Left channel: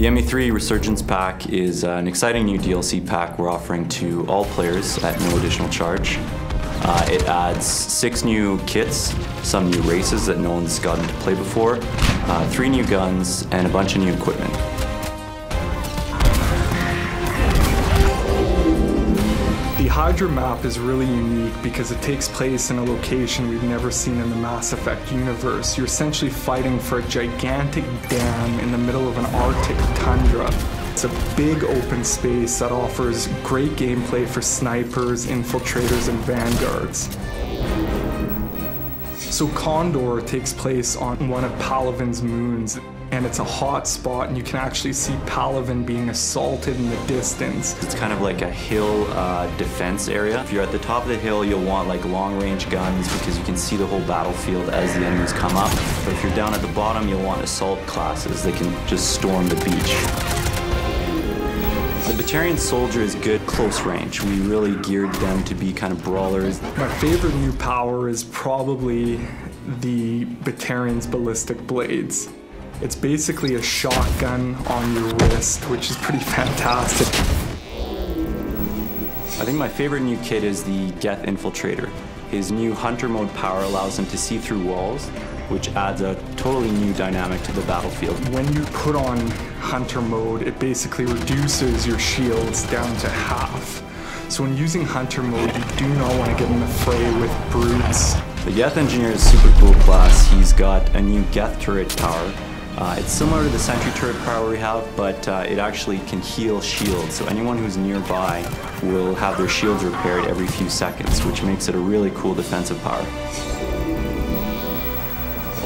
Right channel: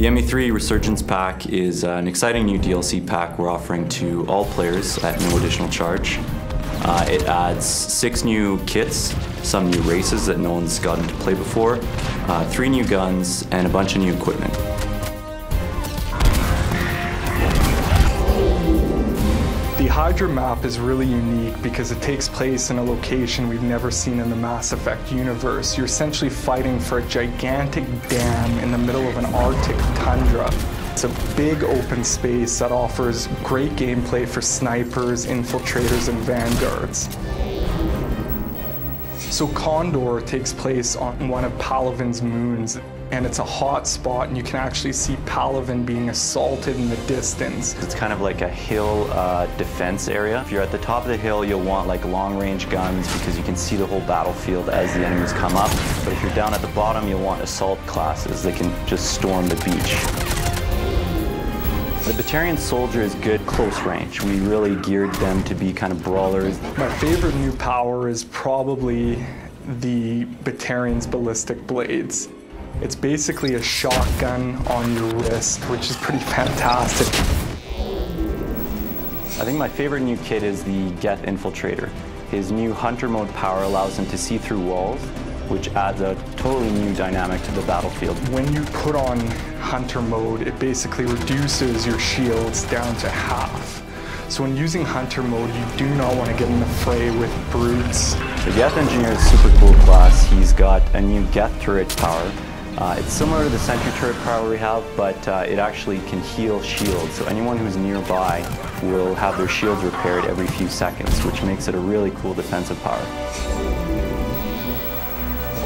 The ME3 Resurgence Pack is an exciting new DLC pack we're offering to all players at no additional charge. It adds 6 new kits, some new races that no one's gotten to play before, 3 new guns, and a bunch of new equipment. The Hydra map is really unique because it takes place in a location we've never seen in the Mass Effect universe. You're essentially fighting for a gigantic dam in the middle of an Arctic tundra. It's a big open space that offers great gameplay for snipers, infiltrators, and vanguards. So Condor takes place on one of Palaven's moons, and it's a hot spot, and you can actually see Palaven being assaulted in the distance. It's kind of like a hill defense area. If you're at the top of the hill, you'll want like long-range guns because you can see the whole battlefield as the enemies come up. But if you're down at the bottom, you'll want assault classes. They can just storm the beach. The Batarian soldier is good close range. We really geared them to be kind of brawlers. My favorite new power is probably the Batarian's ballistic blades. It's basically a shotgun on your wrist, which is pretty fantastic. I think my favorite new kit is the Geth Infiltrator. His new hunter mode power allows him to see through walls, which adds a totally new dynamic to the battlefield. When you put on hunter mode, it basically reduces your shields down to half. So when using hunter mode, you do not want to get in the fray with brutes. The Geth Engineer is super cool class. He's got a new Geth turret power. It's similar to the sentry turret power we have, but it actually can heal shields. So anyone who's nearby will have their shields repaired every few seconds, which makes it a really cool defensive power.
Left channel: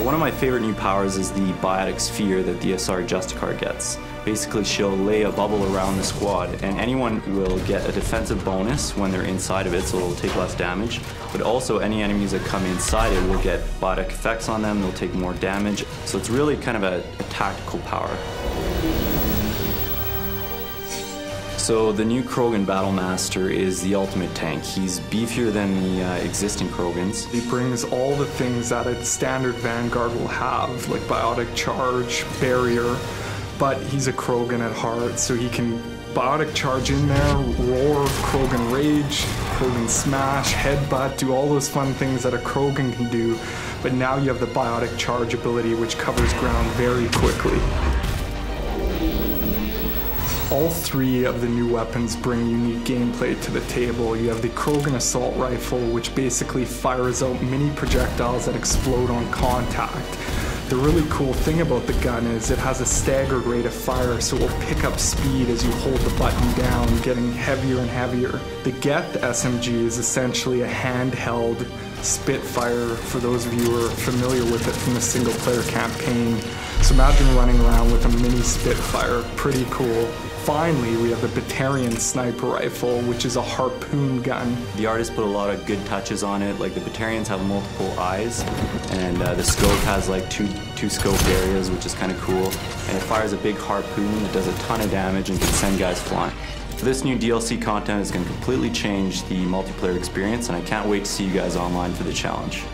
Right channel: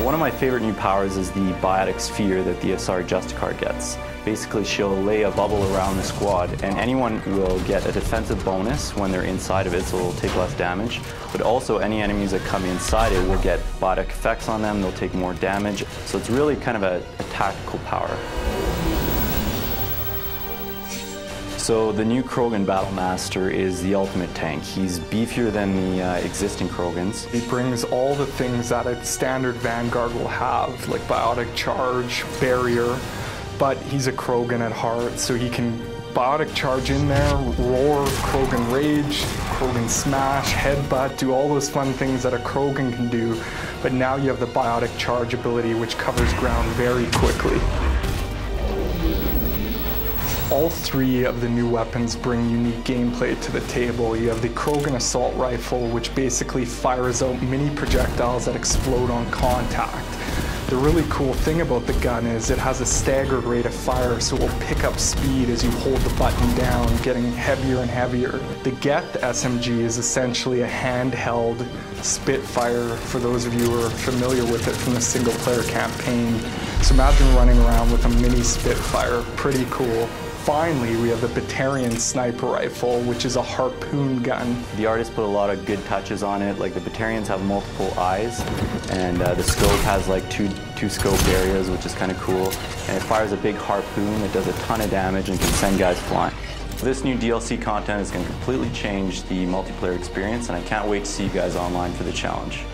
One of my favorite new powers is the biotic sphere that the SR Justicar gets. Basically, she'll lay a bubble around the squad, and anyone will get a defensive bonus when they're inside of it, so it'll take less damage. But also, any enemies that come inside it will get biotic effects on them, they'll take more damage. So it's really kind of a tactical power. So the new Krogan Battlemaster is the ultimate tank. He's beefier than the existing Krogans. He brings all the things that a standard Vanguard will have, like biotic charge, barrier, but he's a Krogan at heart, so he can biotic charge in there, roar, Krogan rage, Krogan smash, headbutt, do all those fun things that a Krogan can do, but now you have the biotic charge ability, which covers ground very quickly. All 3 of the new weapons bring unique gameplay to the table. You have the Krogan Assault Rifle, which basically fires out mini projectiles that explode on contact. The really cool thing about the gun is it has a staggered rate of fire, so it will pick up speed as you hold the button down, getting heavier and heavier. The Geth SMG is essentially a handheld Spitfire, for those of you who are familiar with it from the single-player campaign. So imagine running around with a mini Spitfire, pretty cool. Finally, we have the Batarian Sniper Rifle, which is a harpoon gun. The artist put a lot of good touches on it, like the Batarians have multiple eyes, and the scope has like two scope areas, which is kind of cool. And it fires a big harpoon, it does a ton of damage, and can send guys flying. This new DLC content is going to completely change the multiplayer experience, and I can't wait to see you guys online for the challenge.